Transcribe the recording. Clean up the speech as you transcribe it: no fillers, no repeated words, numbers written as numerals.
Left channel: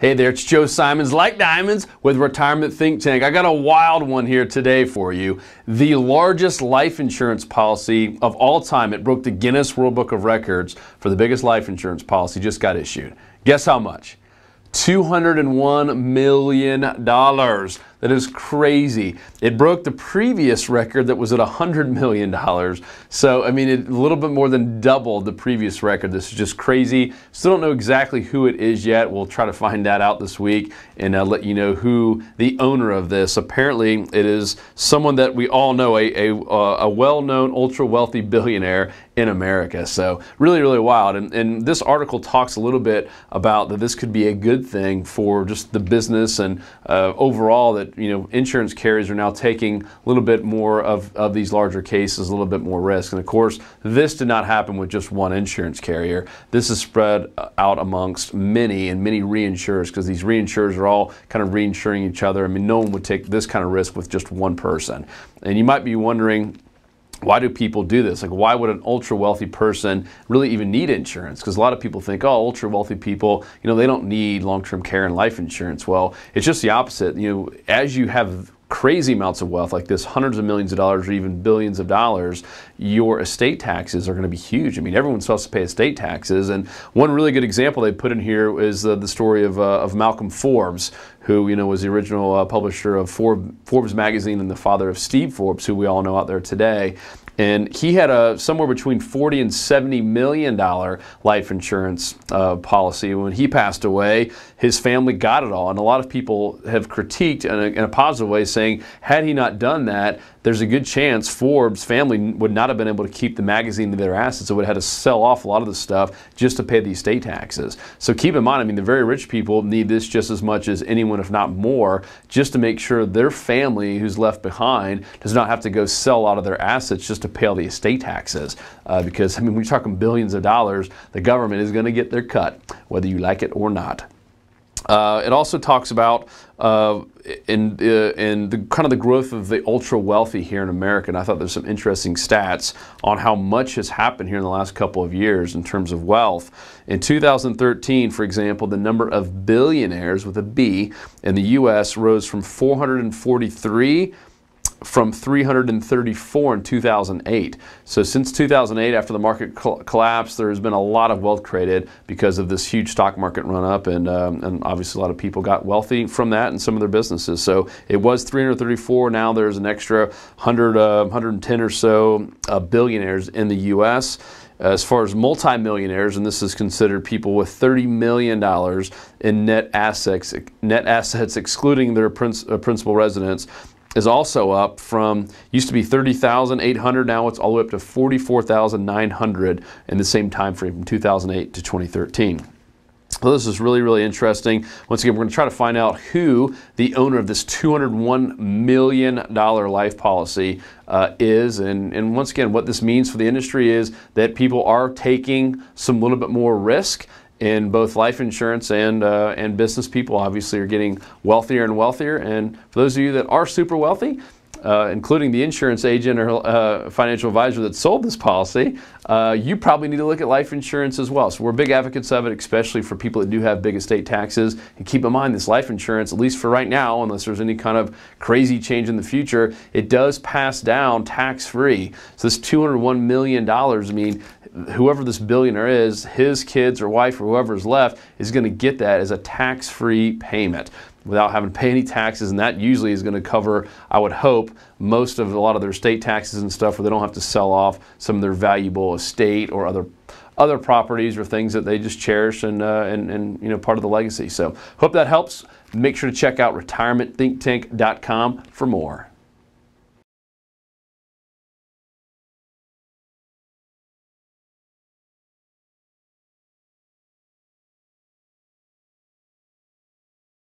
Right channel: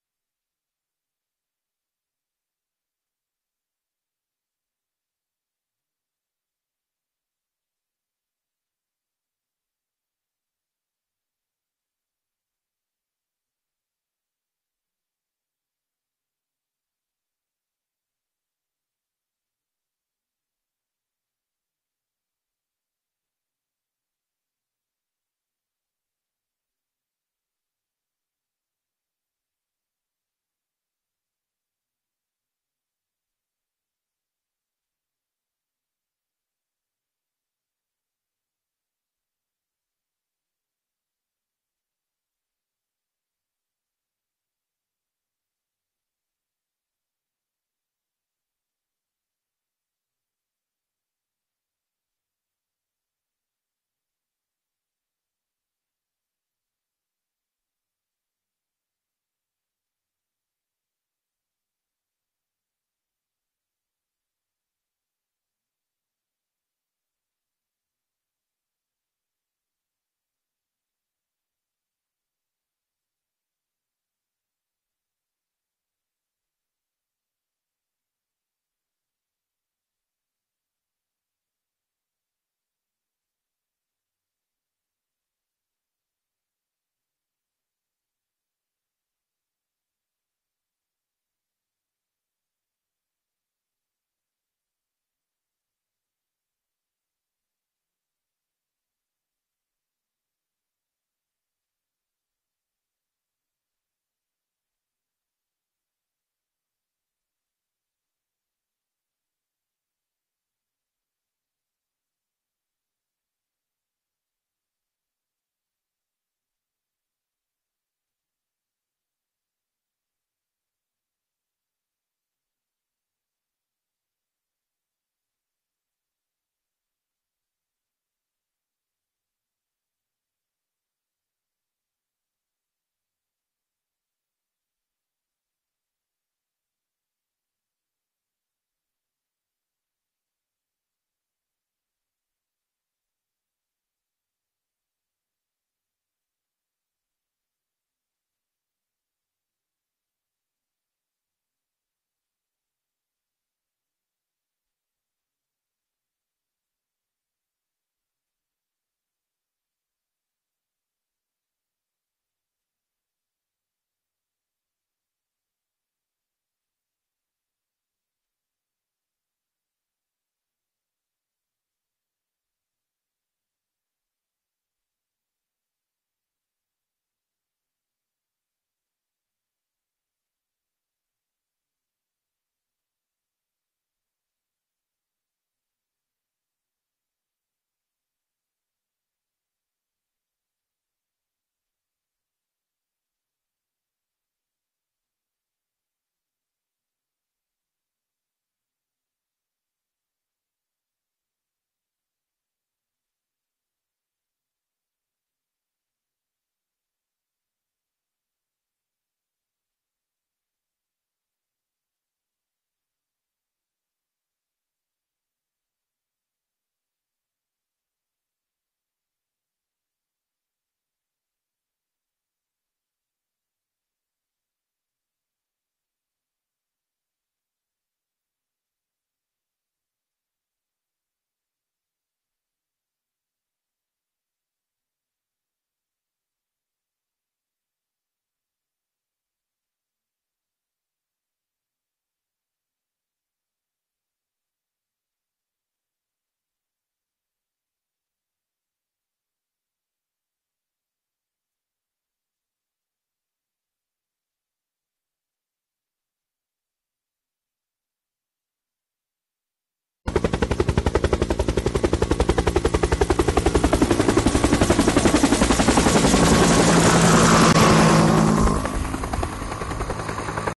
Hey there, it's Joe Simons, like diamonds, with Retirement Think Tank. I got a wild one here today for you. The largest life insurance policy of all time. It broke the Guinness World Book of Records for the biggest life insurance policy, just got issued. Guess how much? $201 million. That is crazy. It broke the previous record that was at $100 million. So, I mean, it a little bit more than doubled the previous record. This is just crazy. Still don't know exactly who it is yet. We'll try to find that out this week and let you know who the owner of this. Apparently, it is someone that we all know, a well-known, ultra-wealthy billionaire in America. So really, really wild. And this article talks a little bit about that this could be a good thing for just the business and overall that, you know, insurance carriers are now taking a little bit more of these larger cases, a little bit more risk. And of course, this did not happen with just one insurance carrier. This is spread out amongst many reinsurers, because these reinsurers are all kind of reinsuring each other. I mean, no one would take this kind of risk with just one person. And you might be wondering, why do people do this? Like, why would an ultra-wealthy person really even need insurance? Because a lot of people think, oh, ultra-wealthy people, you know, they don't need long-term care and life insurance. Well, it's just the opposite. You know, as you have crazy amounts of wealth like this, hundreds of millions of dollars or even billions of dollars, your estate taxes are going to be huge. I mean, everyone's supposed to pay estate taxes. And one really good example they put in here is the story of Malcolm Forbes, who, you know, was the original publisher of Forbes magazine and the father of Steve Forbes, who we all know out there today. And he had a somewhere between $40 and $70 million life insurance policy. When he passed away, his family got it all. And a lot of people have critiqued in a positive way, saying, had he not done that, there's a good chance Forbes' family would not have been able to keep the magazine to their assets. It would have had to sell off a lot of the stuff just to pay the estate taxes. So keep in mind, I mean, the very rich people need this just as much as anyone, if not more, just to make sure their family who's left behind does not have to go sell a lot of their assets just to pay all the estate taxes. Because, I mean, when you're talking billions of dollars, the government is going to get their cut, whether you like it or not. It also talks about in the kind of the growth of the ultra wealthy here in America, and I thought there's some interesting stats on how much has happened here in the last couple of years in terms of wealth. In 2013, for example, the number of billionaires with a B in the U.S. rose from 443 from 334 in 2008. So since 2008, after the market collapsed, there's been a lot of wealth created because of this huge stock market run up, and obviously a lot of people got wealthy from that and some of their businesses. So it was 334. Now there's an extra 110 or so billionaires in the U.S. As far as multimillionaires, and this is considered people with $30 million in net assets excluding their principal residence, is also up from, used to be 30,800, now it's all the way up to 44,900 in the same time frame from 2008 to 2013. So this is really, really interesting. Once again, we're going to try to find out who the owner of this $201 million life policy is. And once again, what this means for the industry is that people are taking some little bit more risk in both life insurance and business people obviously are getting wealthier and wealthier. And for those of you that are super wealthy, including the insurance agent or financial advisor that sold this policy, you probably need to look at life insurance as well. So we're big advocates of it, especially for people that do have big estate taxes. And keep in mind, this life insurance, at least for right now, unless there's any kind of crazy change in the future, it does pass down tax-free. So this $201 million, I mean, whoever this billionaire is, his kids or wife or whoever is left is going to get that as a tax-free payment without having to pay any taxes, and that usually is going to cover, I would hope, a lot of their estate taxes and stuff, where they don't have to sell off some of their valuable estate or other properties or things that they just cherish and you know, part of the legacy. So hope that helps. Make sure to check out retirementthinktank.com for more.